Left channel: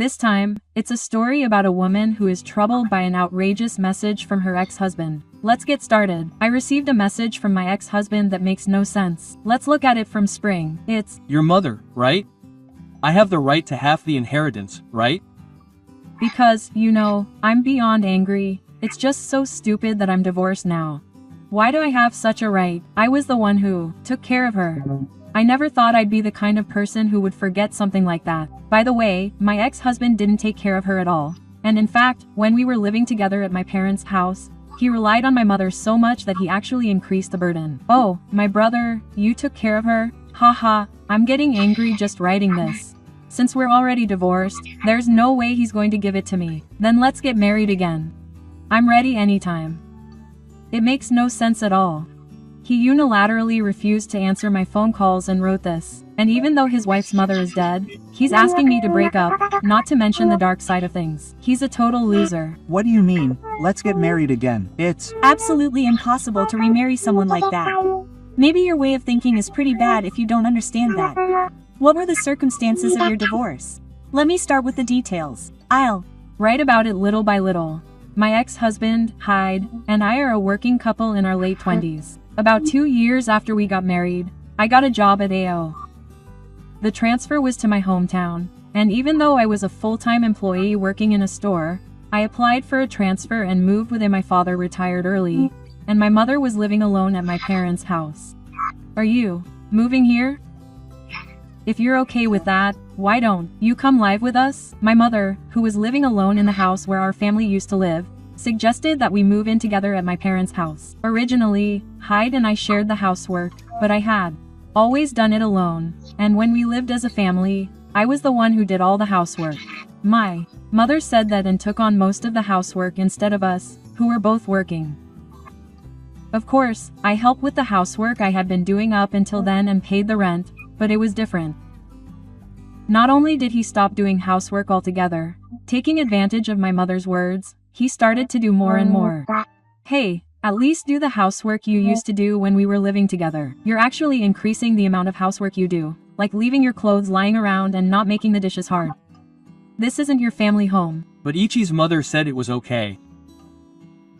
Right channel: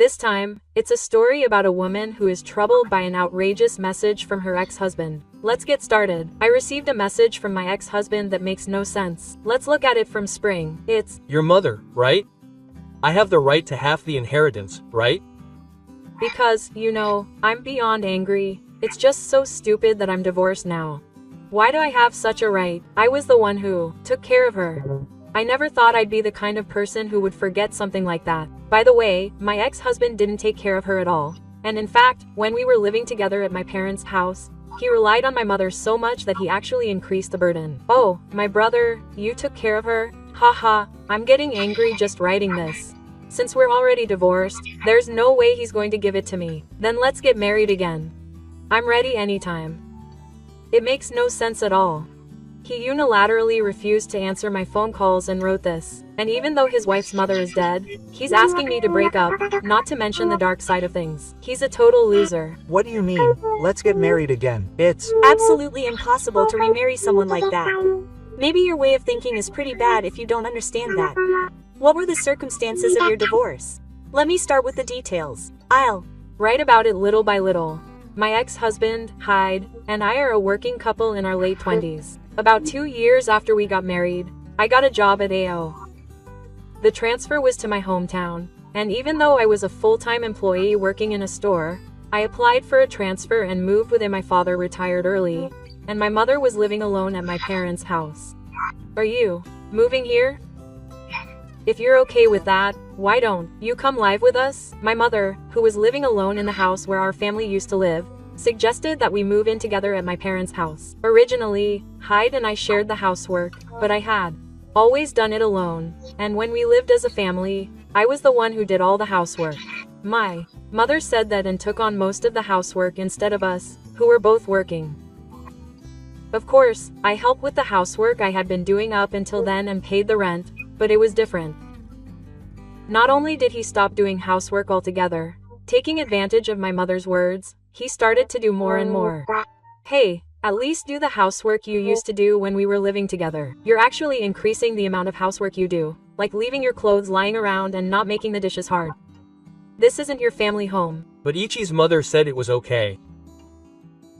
This time, it's a story about a woman who is troubled by an outrageous message from her ex-husband. Let's get started. I received a message from my ex-husband that makes no sense. Let's look at it from spring. It's Your mother, right? I have the right to half the inheritance, right? because, I'm beyond angry. It's just so stupid that I'm divorced now. Why do I have such a right? I was the one who took care of her. I never thought I'd be the kind of person who would forget something like that. By the way, my ex-husband didn't take care of her at all. And in fact, when we were living together at my parents' house, he relied on my mother so much that he actually increased the burden. Oh, my brother, you took care of her? Haha, I'm getting angry just writing this. Since we're already divorced, there's no way he's going to give it to me. Then let's get married again. I'm ready anytime. It makes no sense at all. He unilaterally refused to answer my phone calls and wrote this. And even though his wife's mother is dead, he's asking me to break up, not to mention the dark side of things. He's a total loser. What do you mean, let's get married again? It's absolutely impossible to remarry someone like that. Maybe your way of thinking is pretty bad if you don't understand that. What were the circumstances of your divorce? Let me start with the details. I'll write about it little by little. My ex-husband, Hyde, and I are a working couple in our late 20s. About 2 years after we got married, I got a job at AO. The transfer was to my hometown, and even though I was a full-time employee working in a store, I applied for a transfer and moved within. My father retired early, and my mother was living alone at my parents' house. Are you moving here? If you're okay with that, why don't you come live with us? My mother, who was living alone in the house where our family used to live, suggested that we move in together at my parents' house. Originally, Hyde and I shared the housework, but I had always done it alone, and when we lived as a family, I was the one who did all the housework. My mother said that and took on most of the housework instead of us, who were both working. Of course, I helped with the housework I had been doing up until then and paid the rent, but it was different. Not only did he stop doing housework altogether, taking advantage of my mother's words, he started to do more and more. Hey, at least do the housework you used to do when we were living together. You're actually increasing the amount of housework you do, like leaving your clothes lying around and not making the dishes hard. This isn't your family home. But Ichi's mother said it was okay.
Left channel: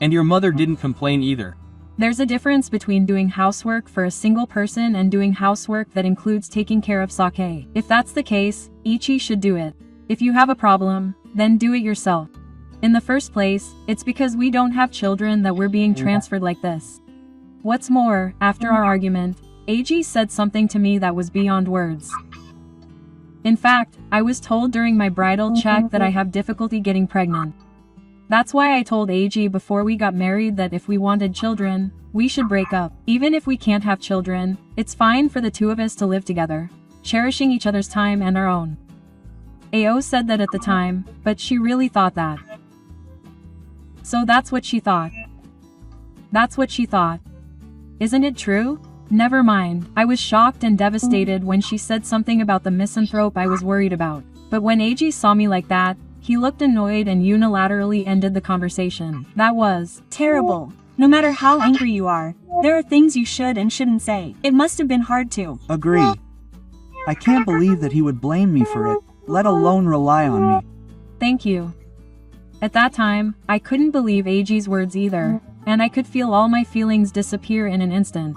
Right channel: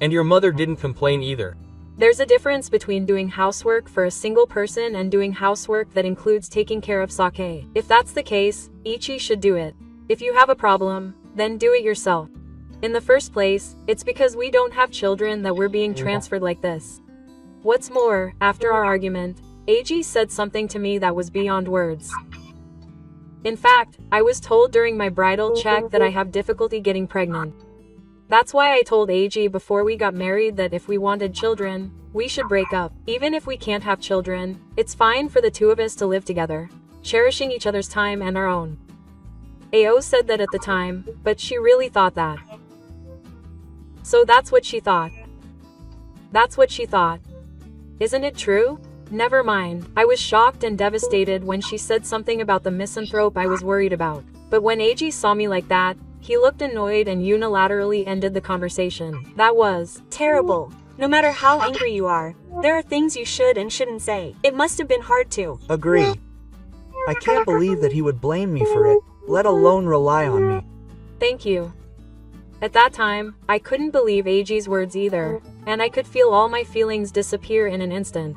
And your mother didn't complain either. There's a difference between doing housework for a single person and doing housework that includes taking care of Sake. If that's the case, Ichi should do it. If you have a problem, then do it yourself. In the first place, it's because we don't have children that we're being transferred like this. What's more, after our argument, Eiji said something to me that was beyond words. In fact, I was told during my bridal check that I have difficulty getting pregnant. That's why I told Eiji before we got married that if we wanted children, we should break up. Even if we can't have children, it's fine for the two of us to live together, cherishing each other's time and our own. AO said that at the time, but she really thought that. So that's what she thought. That's what she thought. Isn't it true? Never mind. I was shocked and devastated when she said something about the misanthrope I was worried about. But when Eiji saw me like that, he looked annoyed and unilaterally ended the conversation. That was terrible. No matter how angry you are, there are things you should and shouldn't say. It must have been hard to agree. I can't believe that he would blame me for it, let alone rely on me. Thank you. At that time, I couldn't believe Eiji's words either, and I could feel all my feelings disappear in an instant.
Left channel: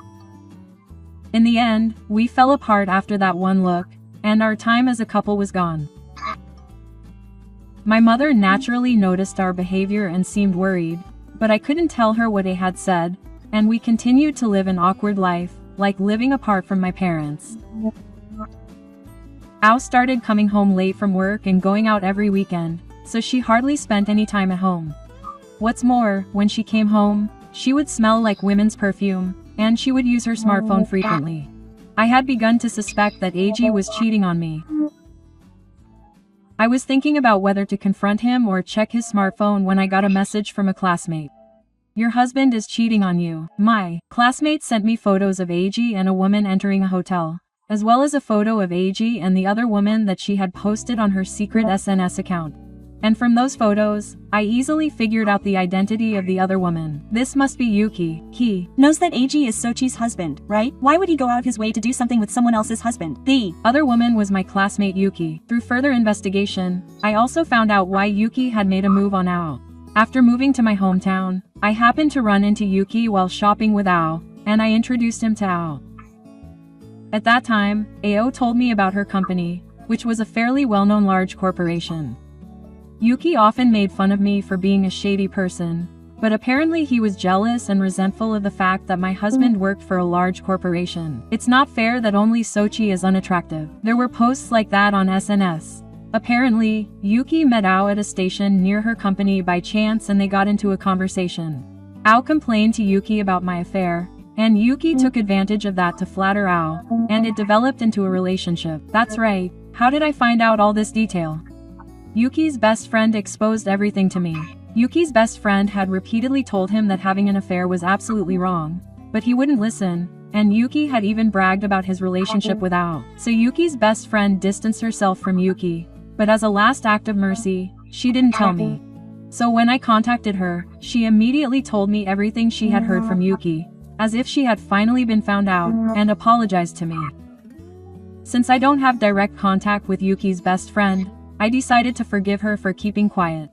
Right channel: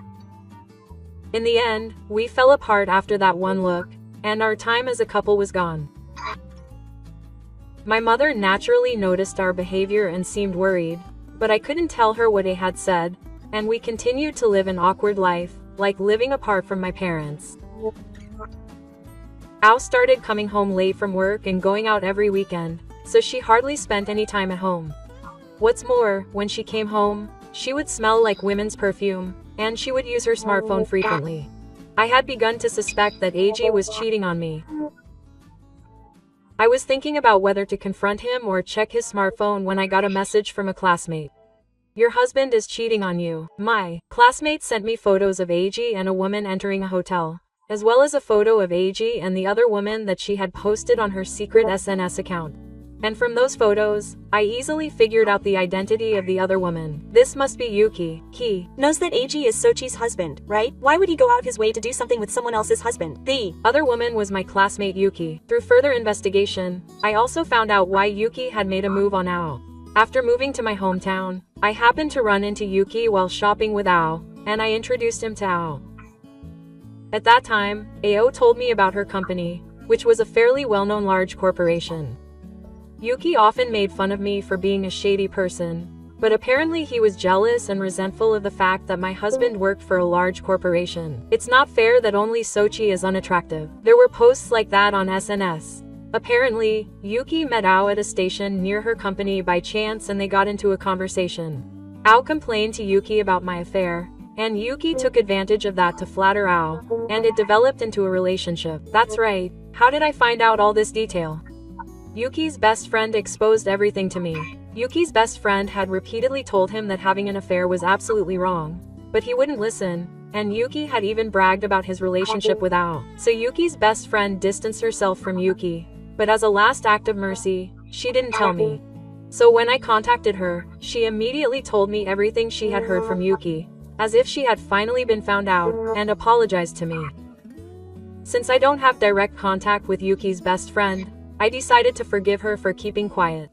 In the end, we fell apart after that one look, and our time as a couple was gone. My mother naturally noticed our behavior and seemed worried, but I couldn't tell her what I had said, and we continued to live an awkward life, like living apart from my parents. Ao started coming home late from work and going out every weekend, so she hardly spent any time at home. What's more, when she came home, she would smell like women's perfume, and she would use her smartphone frequently. I had begun to suspect that Eiji was cheating on me. I was thinking about whether to confront him or check his smartphone when I got a message from a classmate. Your husband is cheating on you. My classmate sent me photos of Eiji and a woman entering a hotel, as well as a photo of Eiji and the other woman that she had posted on her secret SNS account. And from those photos, I easily figured out the identity of the other woman. This must be Yuki. He knows that AG is Sochi's husband, right? Why would he go out his way to do something with someone else's husband? The other woman was my classmate Yuki. Through further investigation, I also found out why Yuki had made a move on Ao. After moving to my hometown, I happened to run into Yuki while shopping with Ao, and I introduced him to Ao. At that time, Ao told me about her company, which was a fairly well-known large corporation. Yuki often made fun of me for being a shady person, but apparently he was jealous and resentful of the fact that my husband worked for a large corporation. It's not fair that only Sochi is unattractive. There were posts like that on SNS. Apparently, Yuki met Ao at a station near her company by chance and they got into a conversation. Ao complained to Yuki about my affair, and Yuki took advantage of that to flatter Ao, and it developed into a relationship. That's right. How did I find out all this detail? Yuki's best friend exposed everything to me. Yuki's best friend had repeatedly told him that having an affair was absolutely wrong, but he wouldn't listen, and Yuki had even bragged about his relationship with Ao. So Yuki's best friend distanced herself from Yuki, but as a last act of mercy, she didn't tell me. So when I contacted her, she immediately told me everything she had heard from Yuki, as if she had finally been found out, and apologized to me. Since I don't have direct contact with Yuki's best friend, I decided to forgive her for keeping quiet.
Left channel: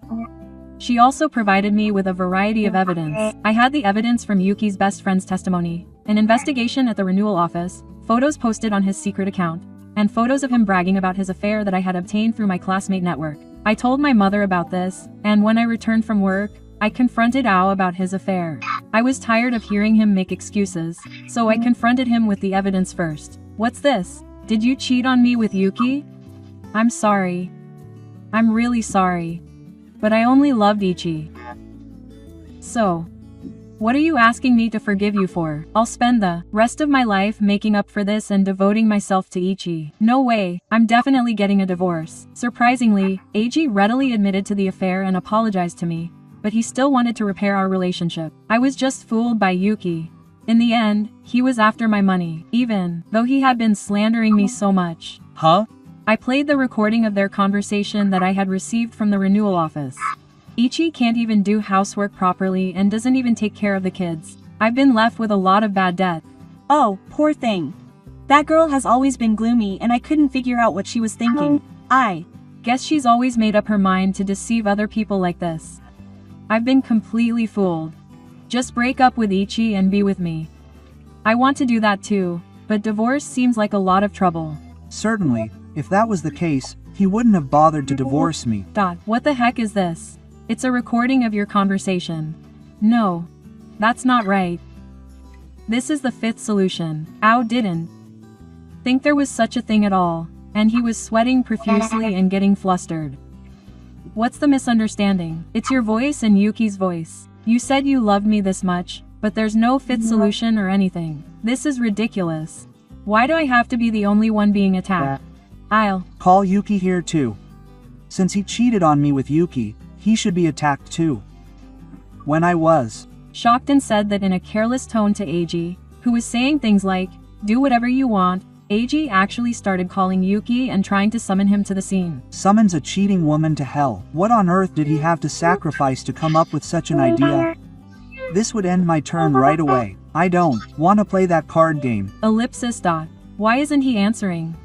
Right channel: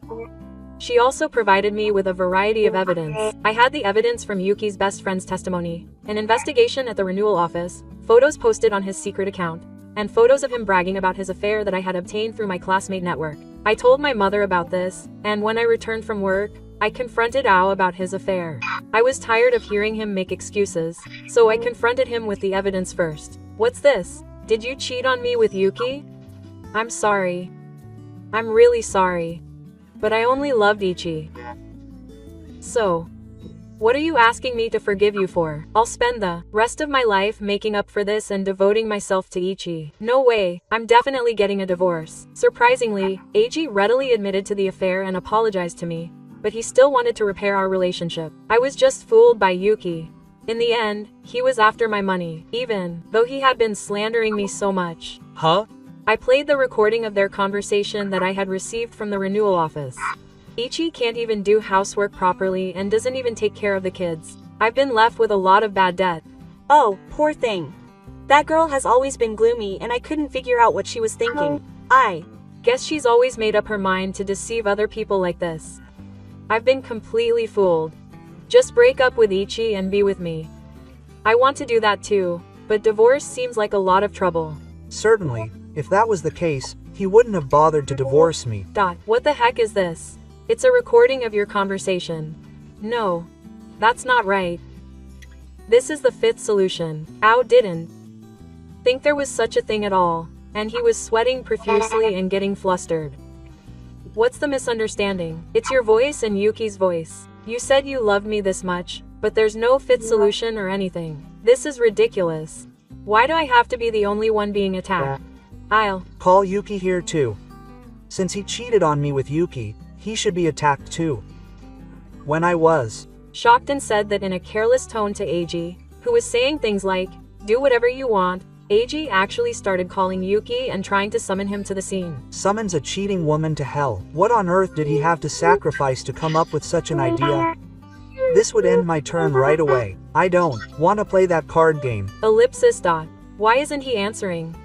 She also provided me with a variety of evidence. I had the evidence from Yuki's best friend's testimony, an investigation at the renewal office, photos posted on his secret account, and photos of him bragging about his affair that I had obtained through my classmate network. I told my mother about this, and when I returned from work, I confronted Ao about his affair. I was tired of hearing him make excuses, so I confronted him with the evidence first. What's this? Did you cheat on me with Yuki? I'm sorry. I'm really sorry. But I only loved Ichi. So, what are you asking me to forgive you for? I'll spend the rest of my life making up for this and devoting myself to Ichi. No way, I'm definitely getting a divorce. Surprisingly, AG readily admitted to the affair and apologized to me, but he still wanted to repair our relationship. I was just fooled by Yuki. In the end, he was after my money, even though he had been slandering me so much. Huh? I played the recording of their conversation that I had received from the renewal office. Ichi can't even do housework properly and doesn't even take care of the kids. I've been left with a lot of bad debt. Oh, poor thing. That girl has always been gloomy and I couldn't figure out what she was thinking. I guess she's always made up her mind to deceive other people like this. I've been completely fooled. Just break up with Ichi and be with me. I want to do that too, but divorce seems like a lot of trouble. Certainly, if that was the case, he wouldn't have bothered to divorce me. What the heck is this? It's a recording of your conversation. No. That's not right. This is the fifth solution. Ao didn't think there was such a thing at all, and he was sweating profusely and getting flustered. What's the misunderstanding? It's your voice and Yuki's voice. You said you loved me this much, but there's no fifth solution or anything. This is ridiculous. Why do I have to be the only one being attacked? I'll call Yuki here too. Since he cheated on me with Yuki, he should be attacked too. When I was shocked and said that in a careless tone to AG, who was saying things like, do whatever you want, AG actually started calling Yuki and trying to summon him to the scene. Summons a cheating woman to hell. What on earth did he have to sacrifice to come up with such an idea? This would end my turn right away. I don't want to play that card game. Ellipsis. Why isn't he answering?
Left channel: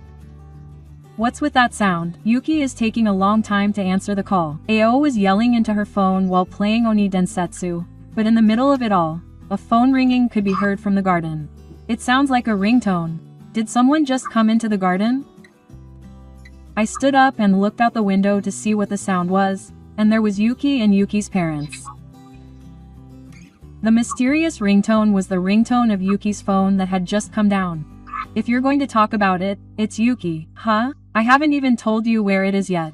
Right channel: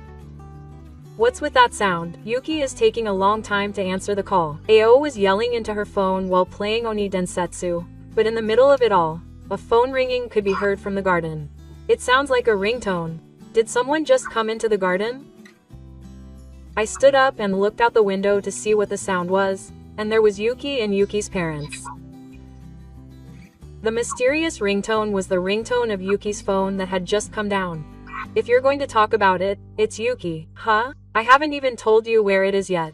What's with that sound? Yuki is taking a long time to answer the call. Ao was yelling into her phone while playing Oni Densetsu, but in the middle of it all, a phone ringing could be heard from the garden. It sounds like a ringtone. Did someone just come into the garden? I stood up and looked out the window to see what the sound was, and there was Yuki and Yuki's parents. The mysterious ringtone was the ringtone of Yuki's phone that had just come down. If you're going to talk about it, it's Yuki. Huh? I haven't even told you where it is yet.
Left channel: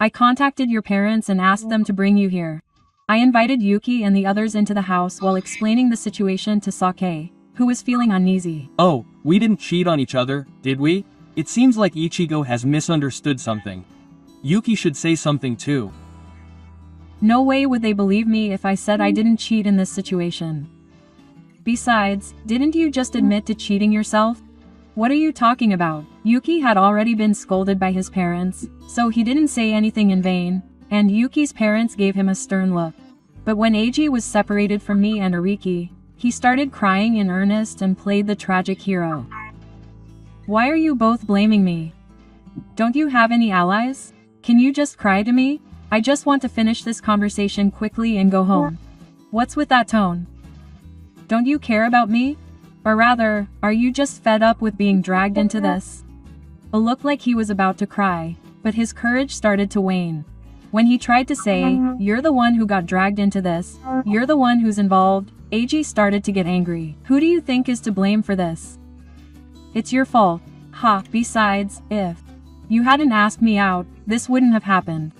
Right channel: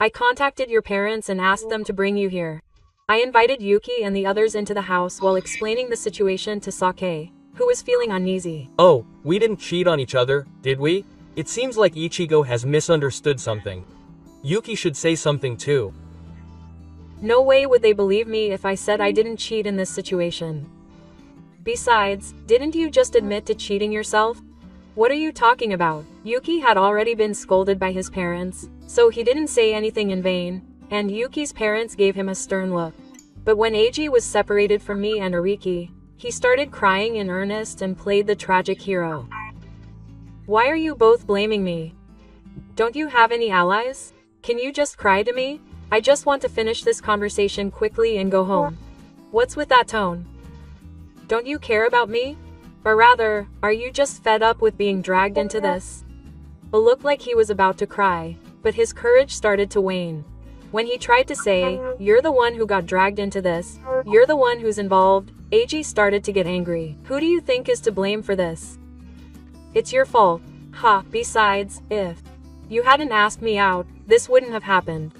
I contacted your parents and asked them to bring you here. I invited Yuki and the others into the house while explaining the situation to Sake, who was feeling uneasy. Oh, we didn't cheat on each other, did we? It seems like Ichigo has misunderstood something. Yuki should say something too. No way would they believe me if I said I didn't cheat in this situation. Besides, didn't you just admit to cheating yourself? What are you talking about? Yuki had already been scolded by his parents, So he didn't say anything in vain, and Yuki's parents gave him a stern look. But when Eiji was separated from me and Ariki, he started crying in earnest and played the tragic hero. Why are you both blaming me? Don't you have any allies? Can you just cry to me? I just want to finish this conversation quickly and go home. What's with that tone? Don't you care about me? Or rather, are you just fed up with being dragged into this? It looked like he was about to cry, but his courage started to wane. When he tried to say, "You're the one who got dragged into this, you're the one who's involved," Eiji started to get angry. Who do you think is to blame for this? It's your fault. Ha, besides, if you hadn't asked me out, this wouldn't have happened.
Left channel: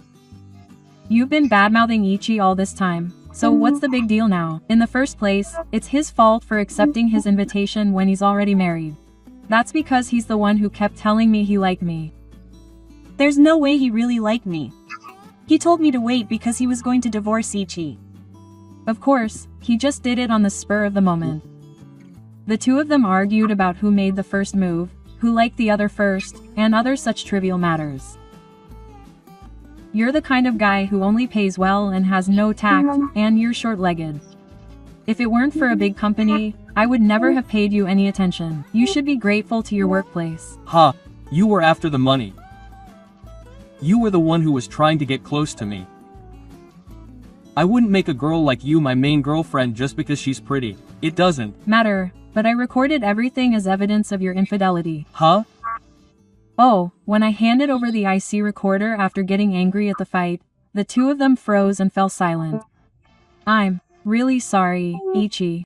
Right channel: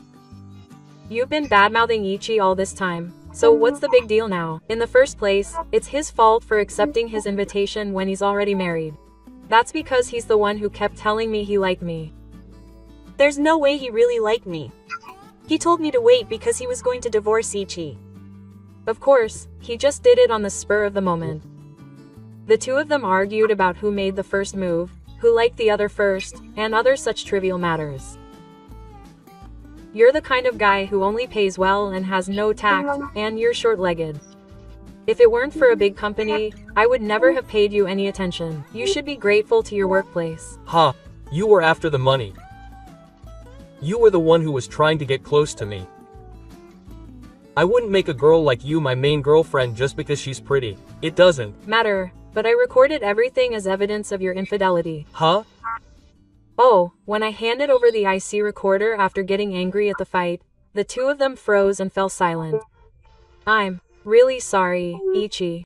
You've been bad-mouthing Ichi all this time, so what's the big deal now? In the first place, it's his fault for accepting his invitation when he's already married. That's because he's the one who kept telling me he liked me. There's no way he really liked me. He told me to wait because he was going to divorce Ichi. Of course, he just did it on the spur of the moment. The two of them argued about who made the first move, who liked the other first, and other such trivial matters. You're the kind of guy who only pays well and has no tact, and you're short-legged. If it weren't for a big company, I would never have paid you any attention. You should be grateful to your workplace. Ha, you were after the money. You were the one who was trying to get close to me. I wouldn't make a girl like you my main girlfriend just because she's pretty. It doesn't matter, but I recorded everything as evidence of your infidelity. Huh? Oh, when I handed over the IC recorder after getting angry at the fight, the two of them froze and fell silent. I'm really sorry, Ichi.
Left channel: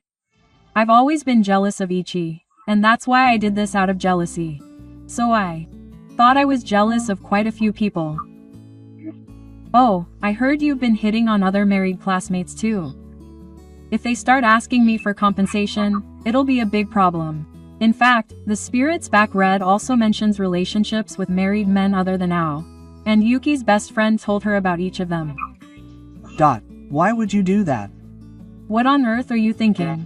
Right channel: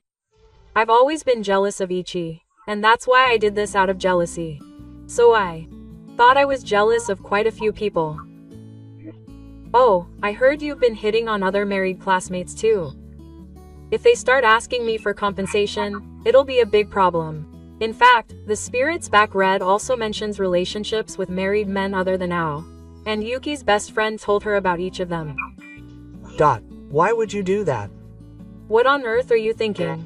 I've always been jealous of Ichi, and that's why I did this out of jealousy. So I thought I was jealous of quite a few people. Oh, I heard you've been hitting on other married classmates too. If they start asking me for compensation, it'll be a big problem. In fact, the Spirits Back Red also mentions relationships with married men other than Ao. And Yuki's best friend told her about each of them. Why would you do that? What on earth are you thinking?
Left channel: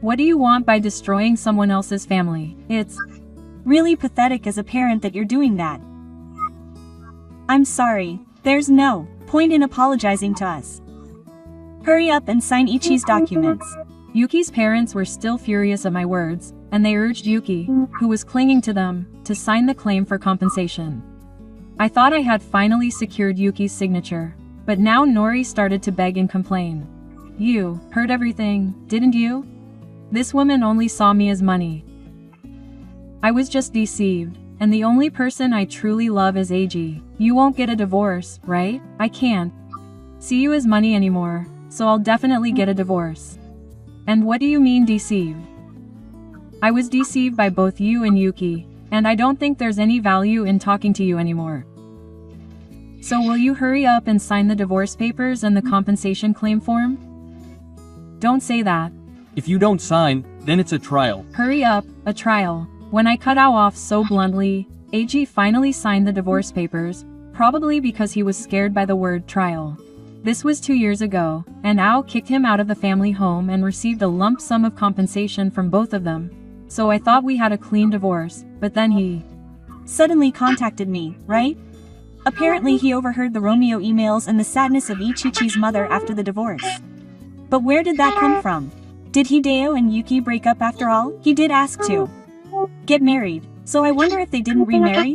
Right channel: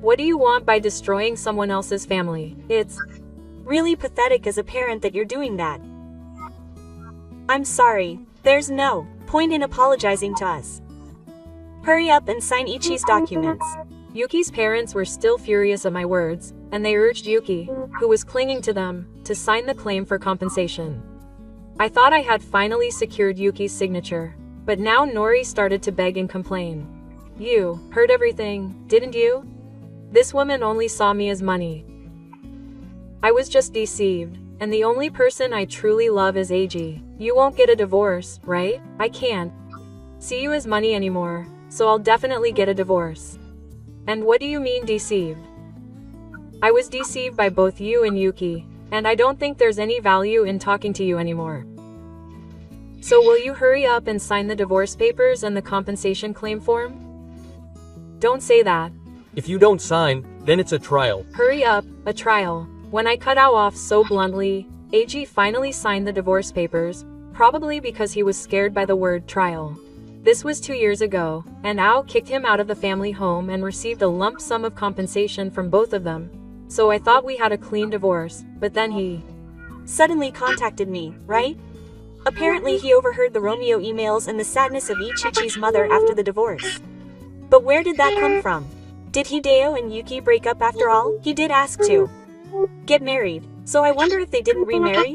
What do you want by destroying someone else's family? It's really pathetic as a parent that you're doing that. I'm sorry, there's no point in apologizing to us. Hurry up and sign Ichi's documents. Yuki's parents were still furious at my words, and they urged Yuki, who was clinging to them, to sign the claim for compensation. I thought I had finally secured Yuki's signature, but now Nori started to beg and complain. You heard everything, didn't you? This woman only saw me as money. I was just deceived, and the only person I truly love is Eiji. You won't get a divorce, right? I can't see you as money anymore, so I'll definitely get a divorce. And what do you mean deceived? I was deceived by both you and Yuki, and I don't think there's any value in talking to you anymore. So will you hurry up and sign the divorce papers and the compensation claim form? Don't say that. If you don't sign, then it's a trial. Hurry up, a trial. When I cut Ao off so bluntly, Eiji finally signed the divorce papers, probably because he was scared by the word trial. This was 2 years ago, and Ao kicked him out of the family home and received a lump sum of compensation from both of them. So I thought we had a clean divorce, but then he suddenly contacted me, right? Apparently he overheard the Romeo emails and the sadness of Ichichi's mother after the divorce. But where did that come from? Did Hideo and Yuki break up after all? He did ask to get married, so I wonder if they didn't remarry?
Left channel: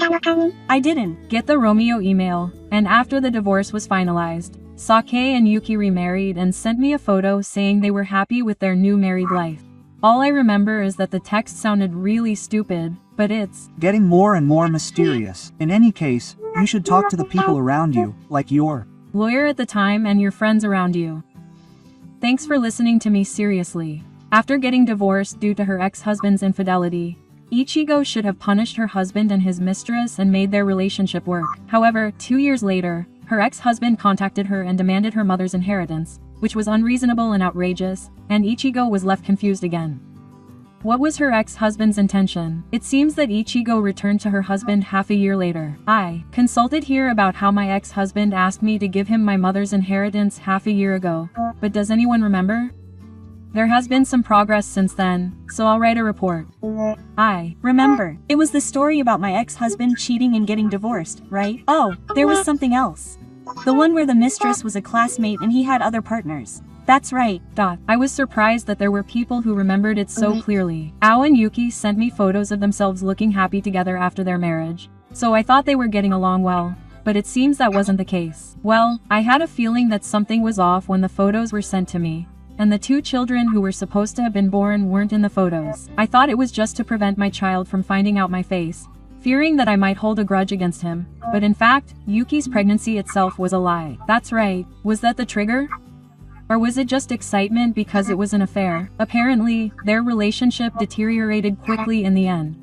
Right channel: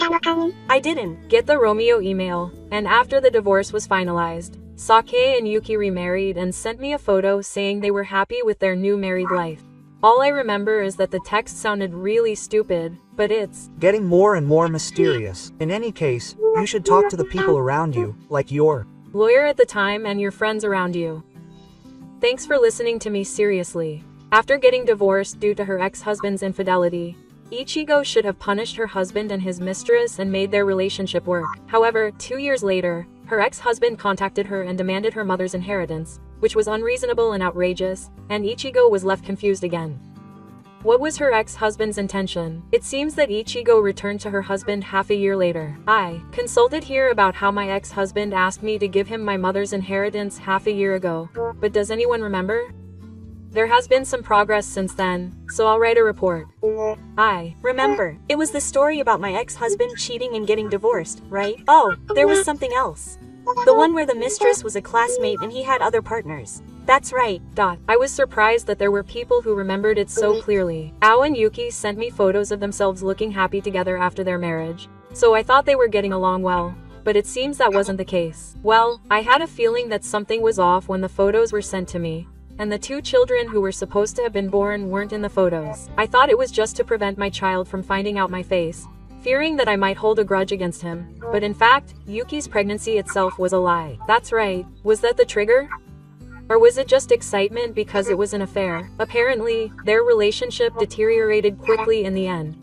I didn't get the Romeo email, and after the divorce was finalized, Sake and Yuki remarried and sent me a photo saying they were happy with their new married life. All I remember is that the text sounded really stupid, but it's getting more and more mysterious. In any case, you should talk to the people around you, like your lawyer at the time and your friends around you. Thanks for listening to me seriously. After getting divorced due to her ex-husband's infidelity, Ichigo should have punished her husband and his mistress and made their relationship work. However, 2 years later, her ex-husband contacted her and demanded her mother's inheritance, which was unreasonable and outrageous, and Ichigo was left confused again. What was her ex-husband's intention? It seems that Ichigo returned to her husband half a year later. I consulted here about how my ex-husband asked me to give him my mother's inheritance half a year ago, but does anyone remember? There has been some progress since then, so I'll write a report. Remember, it was the story about my ex-husband cheating and getting divorced, right? Oh, there was something else. The one where the mistress was a classmate and he had other partners. That's right. I was surprised that there were people who remembered it so clearly. Ao and Yuki sent me photos of themselves looking happy together after their marriage, so I thought they were getting along well. But it seems that wasn't the case. Well, I had a feeling that something was off when the photos were sent to me, and the 2 children who were supposed to have been born weren't in the photos. I thought it was just to prevent my child from finding out my face, fearing that I might hold a grudge against him. But in fact, Yuki's pregnancy itself was a lie. That's right. Was that the trigger? Or was it just excitement because it was an affair? Apparently, their relationship deteriorated quickly in the end.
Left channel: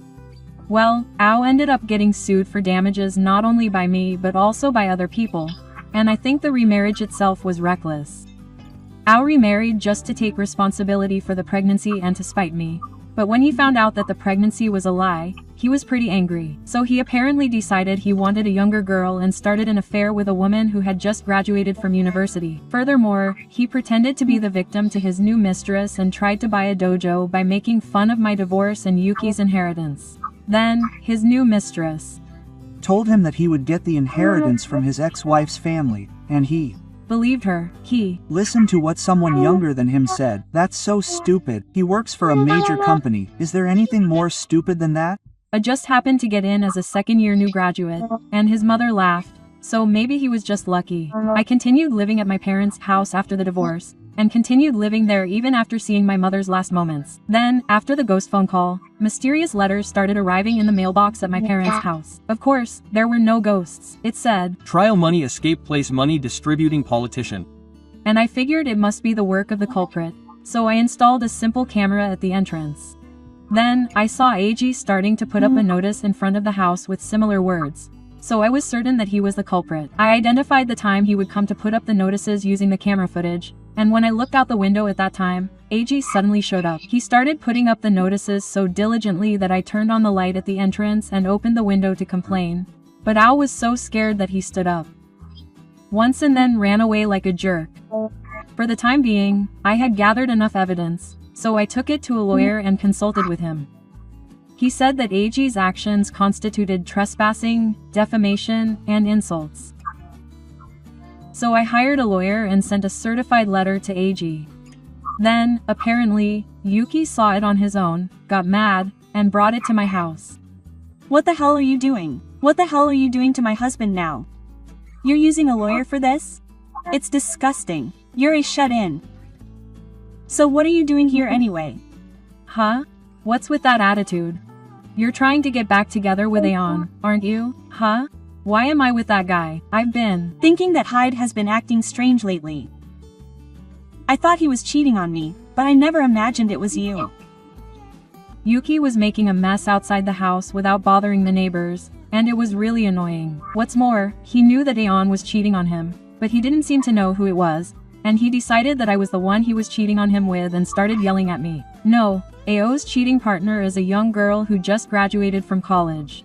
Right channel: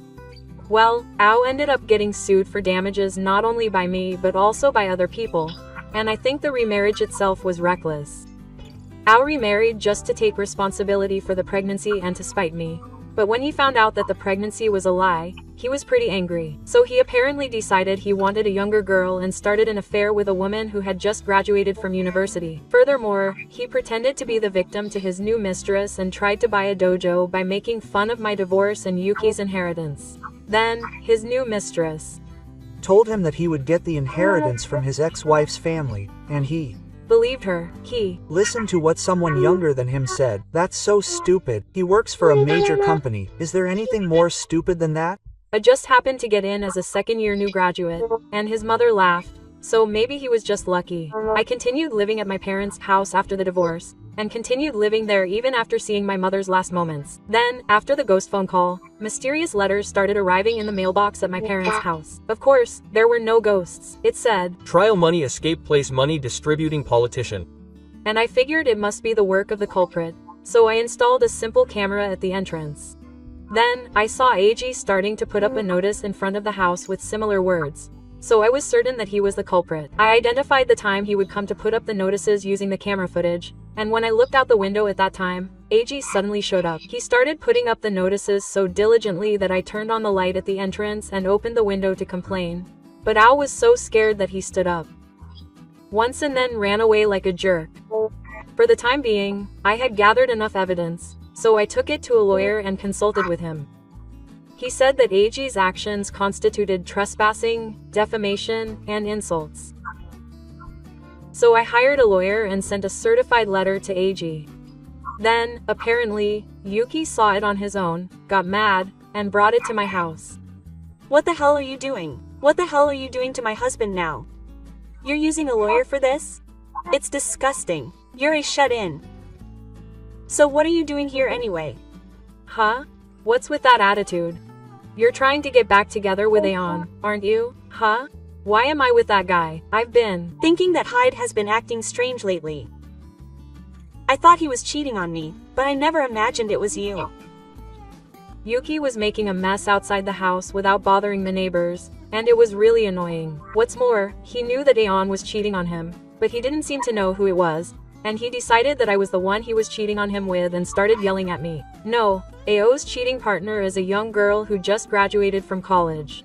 Well, Ao ended up getting sued for damages not only by me but also by other people, and I think the remarriage itself was reckless. Ao remarried just to take responsibility for the pregnancy and to spite me, but when he found out that the pregnancy was a lie, he was pretty angry. So he apparently decided he wanted a younger girl and started an affair with a woman who had just graduated from university. Furthermore, he pretended to be the victim to his new mistress and tried to buy a dojo by making fun of my divorce and Yuki's inheritance. Then, his new mistress told him that he would get the inheritance from his ex-wife's family, and he believed her. He listened to what someone younger than him said. That's so stupid. He works for a major company. Is there anything more stupid than that? I just happened to get in as a second-year new graduate, and his mother laughed, so maybe he was just lucky. I continued living at my parents' house after the divorce, and continued living there even after seeing my mother's last moments. Then, after the ghost phone call, mysterious letters started arriving in the mailbox at my parents' house. Of course, there were no ghosts. It said, "Trial money escape place money distributing politician." And I figured it must be the work of the culprit, so I installed a simple camera at the entrance. Then, I saw AG starting to put up a notice in front of the house with similar words, so I was certain that he was the culprit. I identified the time he would come to put up the notices using the camera footage, and when I looked out the window at that time, AG suddenly showed up. He started putting up the notices so diligently that I turned on the light at the entrance and opened the window to complain. But Ao was so scared that he stood up once and then ran away like a jerk. For the time being, I had gathered enough evidence, so I took it to a lawyer and consulted with him. He said that AG's actions constituted trespassing, defamation, and insults. So I hired a lawyer and sent a certified letter to AG. Then, apparently, Yuki saw it on his own, got mad, and brought it to my house. What the hell are you doing? What the hell are you doing to my husband now? You're using a lawyer for this? It's disgusting. You're a shut-in. So what are you doing here anyway? Huh? What's with that attitude? You're trying to get back together with Aeon, aren't you? Huh? Why am I with that guy? I've been thinking that Hyde has been acting strange lately. I thought he was cheating on me, but I never imagined it was you. Yuki was making a mess outside the house without bothering the neighbors, and it was really annoying. What's more, he knew that Aeon was cheating on him, but he didn't seem to know who it was, and he decided that I was the one he was cheating on him with and started yelling at me. No, Ao's cheating partner is a young girl who just graduated from college.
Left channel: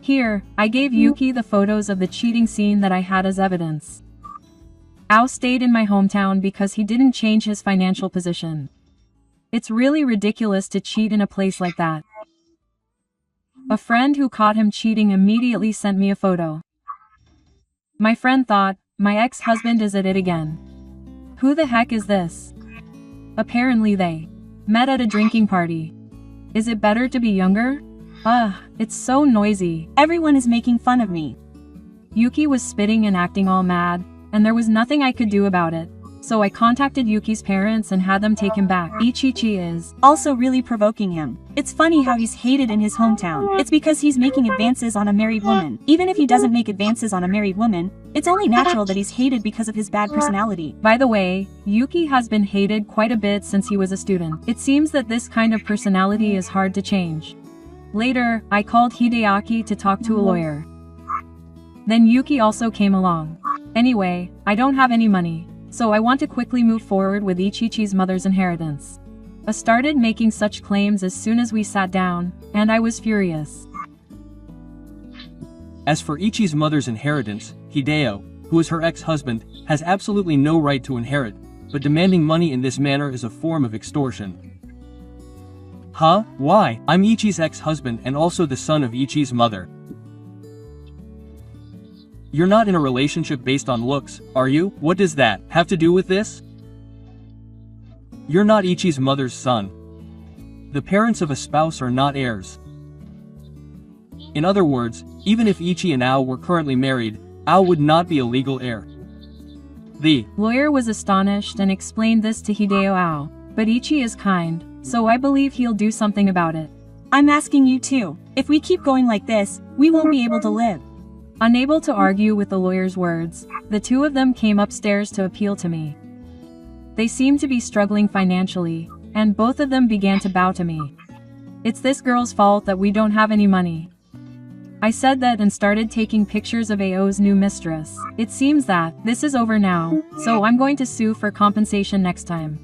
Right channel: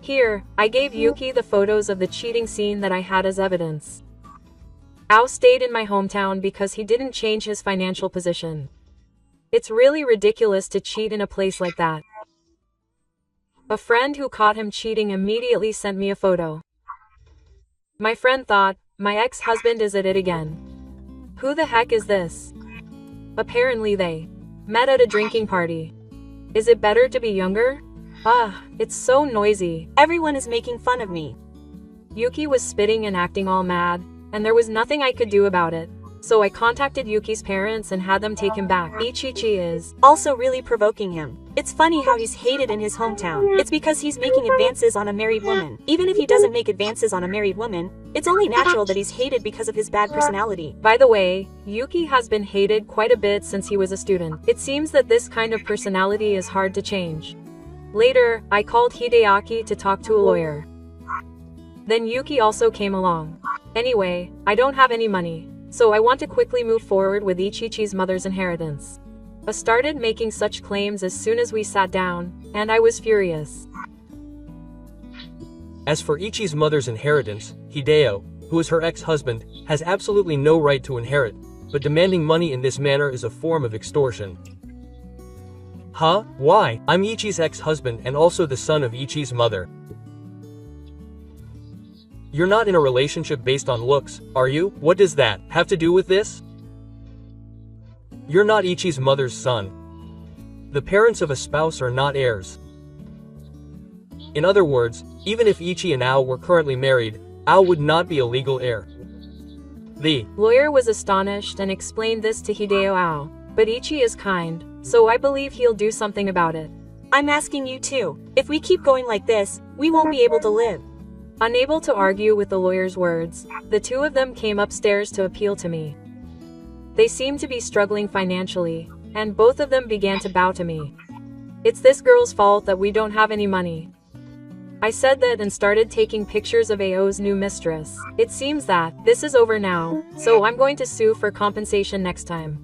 Here, I gave Yuki the photos of the cheating scene that I had as evidence. Ao stayed in my hometown because he didn't change his financial position. It's really ridiculous to cheat in a place like that. A friend who caught him cheating immediately sent me a photo. My friend thought, my ex-husband is at it again. Who the heck is this? Apparently they met at a drinking party. Is it better to be younger? It's so noisy. Everyone is making fun of me. Yuki was spitting and acting all mad, and there was nothing I could do about it. So I contacted Yuki's parents and had them take him back. 2ch is also really provoking him. It's funny how he's hated in his hometown. It's because he's making advances on a married woman. Even if he doesn't make advances on a married woman, it's only natural that he's hated because of his bad personality. By the way, Yuki has been hated quite a bit since he was a student. It seems that this kind of personality is hard to change. Later, I called Hideaki to talk to a lawyer. Then Yuki also came along. Anyway, I don't have any money, so I want to quickly move forward with 2ch's mother's inheritance. I started making such claims as soon as we sat down, and I was furious. As for 2ch's mother's inheritance, Hideo, who is her ex-husband, has absolutely no right to inherit, but demanding money in this manner is a form of extortion. Huh? Why? I'm Ichi's ex-husband and also the son of Ichi's mother. You're not in a relationship based on looks, are you? What does that have to do with this? You're not Ichi's mother's son. The parents of a spouse are not heirs. In other words, even if Ichi and Ao were currently married, Ao would not be a legal heir. The lawyer was astonished and explained this to Hideo Ao, but Ichi is kind, so I believe he'll do something about it. I'm asking you too. If we keep going like this, we won't be able to live. Unable to argue with the lawyer's words, the two of them came upstairs to appeal to me. They seemed to be struggling financially, and both of them began to bow to me. It's this girl's fault that we don't have any money. I said that and started taking pictures of Ao's new mistress. It seems that this is over now, so I'm going to sue for compensation next time.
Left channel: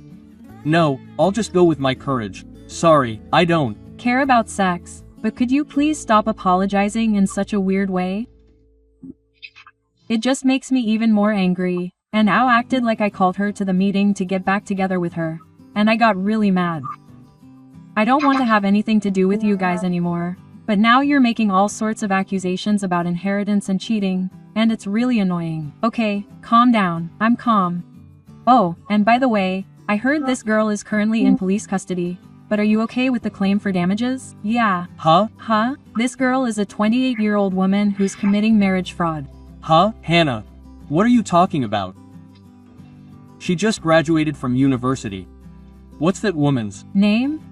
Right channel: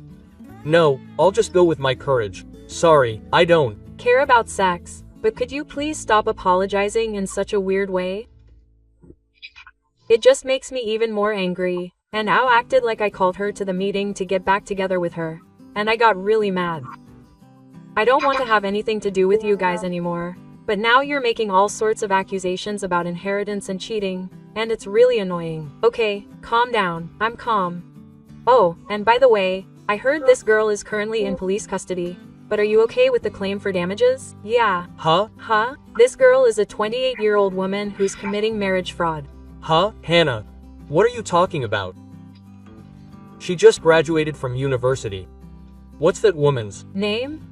No, I'll just go with my courage. Sorry, I don't care about sex, but could you please stop apologizing in such a weird way? It just makes me even more angry, and Ao acted like I called her to the meeting to get back together with her, and I got really mad. I don't want to have anything to do with you guys anymore, but now you're making all sorts of accusations about inheritance and cheating, and it's really annoying. Okay, calm down, I'm calm. Oh, and by the way, I heard this girl is currently in police custody, but are you okay with the claim for damages? Yeah. Huh? This girl is a 28-year-old woman who's committing marriage fraud. Huh? Hannah, what are you talking about? She just graduated from university. What's that woman's name?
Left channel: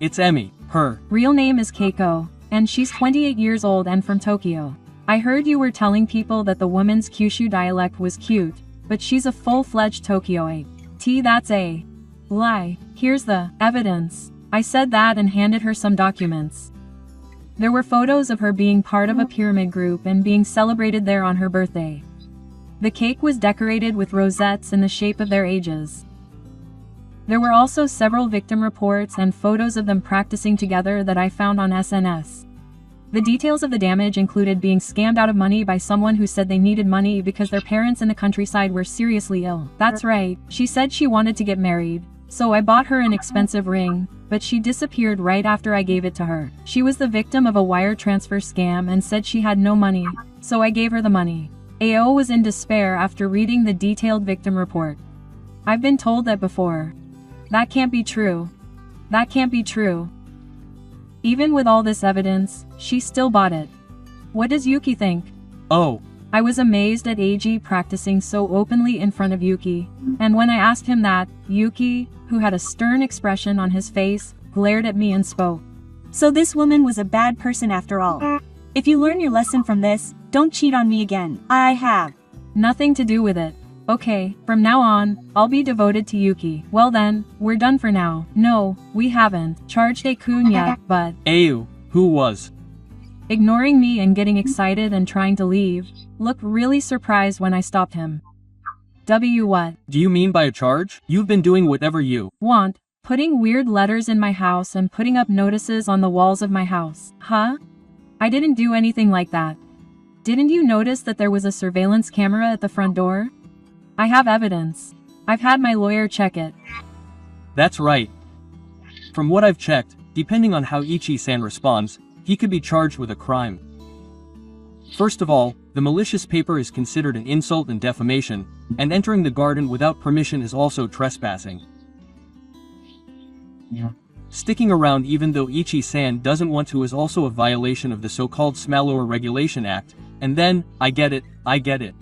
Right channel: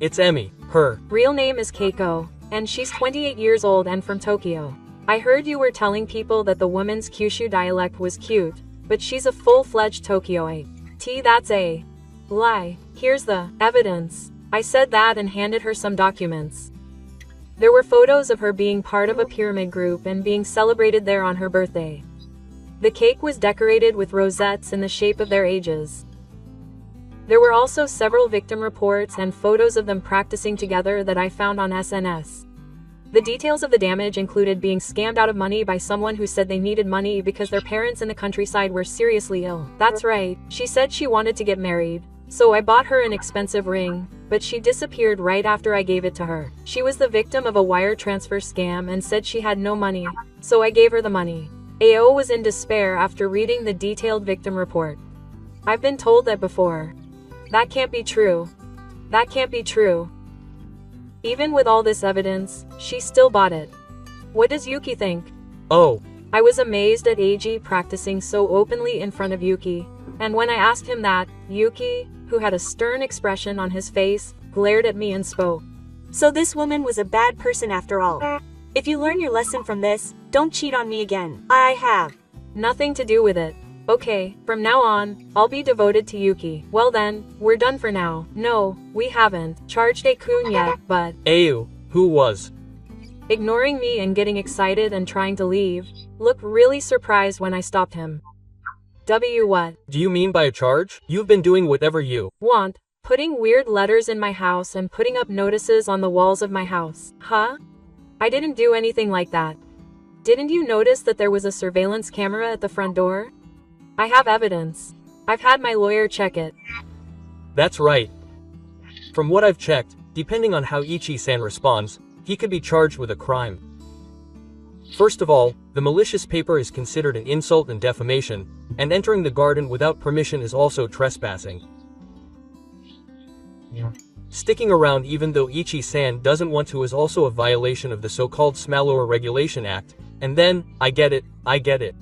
It's Emmy. Her real name is Keiko, and she's 28 years old and from Tokyo. I heard you were telling people that the woman's Kyushu dialect was cute, but she's a full-fledged Tokyoite. That's a lie. Here's the evidence. I said that and handed her some documents. There were photos of her being part of a pyramid group and being celebrated there on her birthday. The cake was decorated with rosettes in the shape of their ages. There were also several victim reports and photos of them practicing together that I found on SNS. The details of the damage included being scammed out of money by someone who said they needed money because their parents in the countryside were seriously ill. That's right, she said she wanted to get married, so I bought her an expensive ring, but she disappeared right after I gave it to her. She was the victim of a wire transfer scam and said she had no money, so I gave her the money. Ao was in despair after reading the detailed victim report. I've been told that before. That can't be true. That can't be true. Even with all this evidence, she still bought it. What does Yuki think? Oh. I was amazed at AG practicing so openly in front of Yuki, and when I asked him that, Yuki, who had a stern expression on his face, glared at me and spoke. So this woman was a bad person after all. If you learn your lesson from this, don't cheat on me again. I have nothing to do with it. Okay, from now on, I'll be devoted to Yuki. Well then, we're done for now. No, we haven't charged A-kun yet, but Ao, who was ignoring me and getting excited and trying to leave, looked really surprised when I stopped him. What do you mean by a charge? You've been doing whatever you want, putting weird letters in my house and putting up notices on the walls of my house. Huh? I didn't do anything like that. Didn't you notice that there was a surveillance camera at the front door? I have evidence. I've had my lawyer check it. That's right. From what I've checked, depending on how Ichi-san responds, he could be charged with a crime. First of all, the malicious paper is considered an insult and defamation, and entering the garden without permission is also trespassing. Sticking around even though Ichi-san doesn't want to is also a violation of the so-called Smallower Regulation Act, and then, I get it.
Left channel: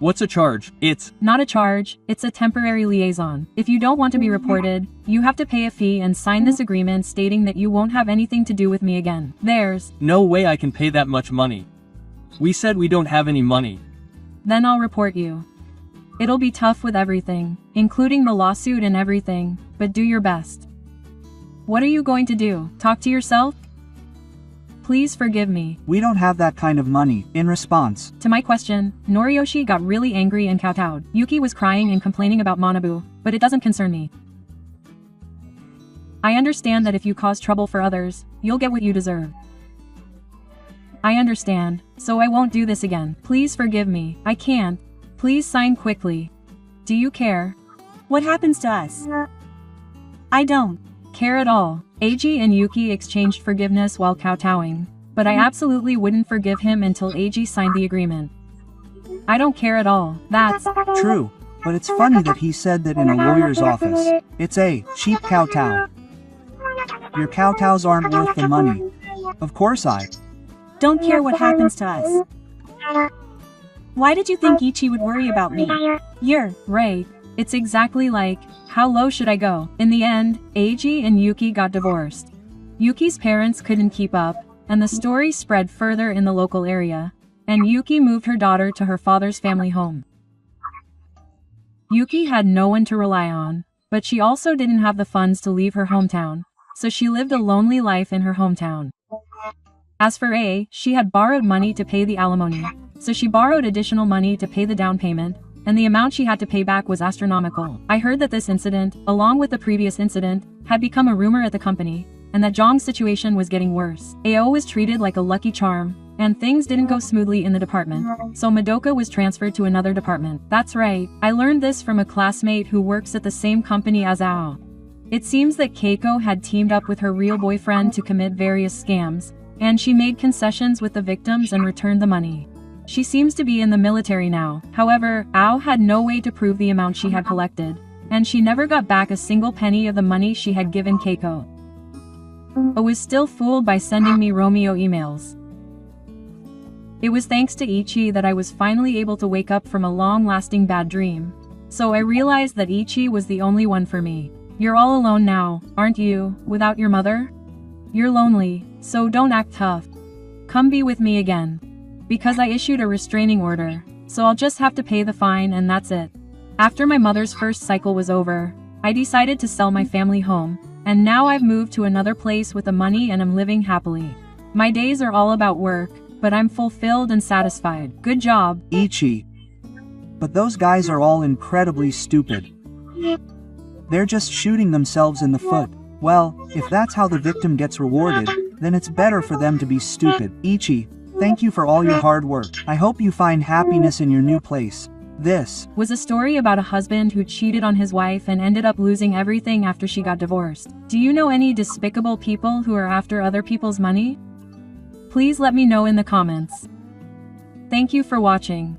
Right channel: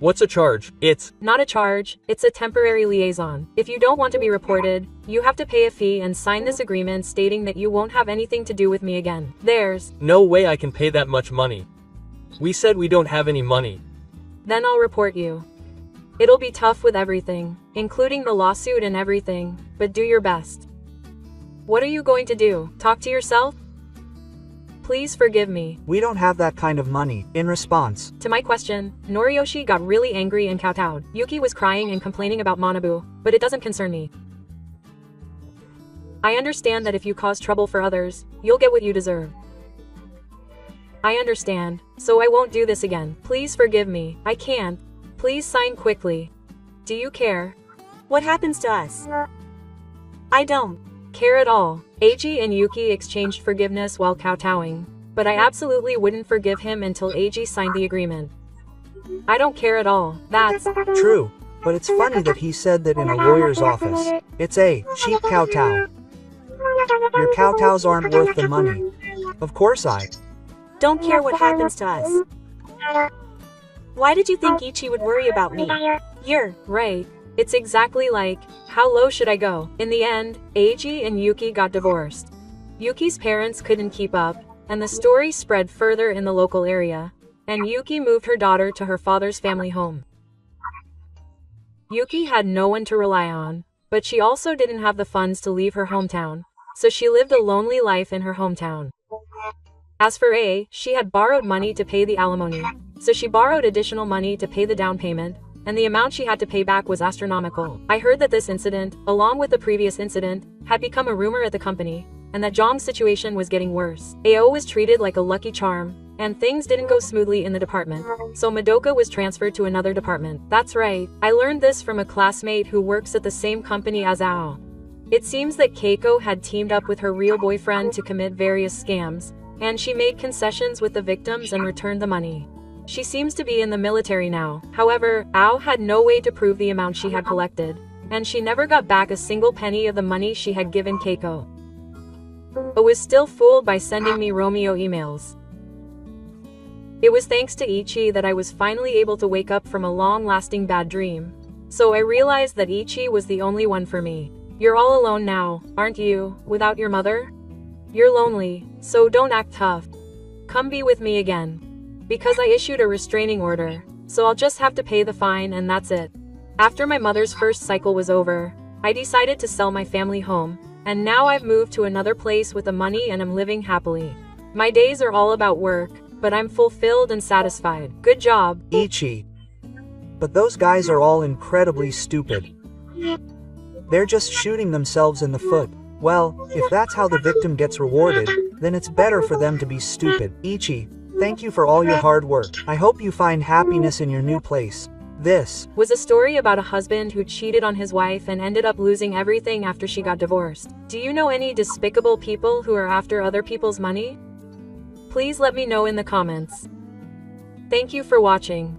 What's a charge? It's not a charge, it's a temporary liaison. If you don't want to be reported, you have to pay a fee and sign this agreement stating that you won't have anything to do with me again. There's no way I can pay that much money. We said we don't have any money. Then I'll report you. It'll be tough with everything, including the lawsuit and everything, but do your best. What are you going to do? Talk to yourself? Please forgive me. We don't have that kind of money. In response to my question, Noriyoshi got really angry and kowtowed. Yuki was crying and complaining about Manabu, but it doesn't concern me. I understand that if you cause trouble for others, you'll get what you deserve. I understand, so I won't do this again. Please forgive me. I can't. Please sign quickly. Do you care? What happens to us? I don't. Care at all. Eiji and Yuki exchanged forgiveness while kowtowing, but I absolutely wouldn't forgive him until Eiji signed the agreement. I don't care at all. That's True, but it's funny that he said that in a lawyer's office. It's a cheap kowtow. Your kowtows aren't worth the money. Of course I Don't care what happens to us. Why did you think Ichi would worry about me? You're right. It's exactly like, how low should I go? In the end, Eiji and Yuki got divorced. Yuki's parents couldn't keep up, and the story spread further in the local area, and Yuki moved her daughter to her father's family home. Yuki had no one to rely on, but she also didn't have the funds to leave her hometown, so she lived a lonely life in her hometown. As for A, she had borrowed money to pay the alimony, so she borrowed additional money to pay the down payment, and the amount she had to pay back was astronomical. I heard that this incident, along with the previous incident, had become a rumor at the company, and that Zhang's situation was getting worse. AO was treated like a lucky charm, and things didn't go smoothly in the department, so Madoka was transferred to another department. That's right, I learned this from a classmate who works at the same company as Ao. It seems that Keiko had teamed up with her real boyfriend to commit various scams, and she made concessions with the victims and returned the money. She seems to be in the military now. However, Ao had no way to prove the amount she had collected, and she never got back a single penny of the money she had given Keiko. But was still fooled by sending me Romeo emails. It was thanks to Ichi that I was finally able to wake up from a long-lasting bad dream. So I realized that Ichi was the only one for me. You're all alone now, aren't you, without your mother? You're lonely, so don't act tough. Come be with me again. Because I issued a restraining order, so I'll just have to pay the fine and that's it. After my mother's first cycle was over, I decided to sell my family home, and now I've moved to another place with the money and am living happily. My days are all about work, but I'm fulfilled and satisfied. Good job, Ichi. But those guys are all incredibly stupid. They're just shooting themselves in the foot. Well, if that's how the victim gets rewarded, then it's better for them to be stupid. Ichi, thank you for all your hard work. I hope you find happiness in your new place. This was a story about a husband who cheated on his wife and ended up losing everything after she got divorced. Do you know any despicable people who are after other people's money? Please let me know in the comments. Thank you for watching.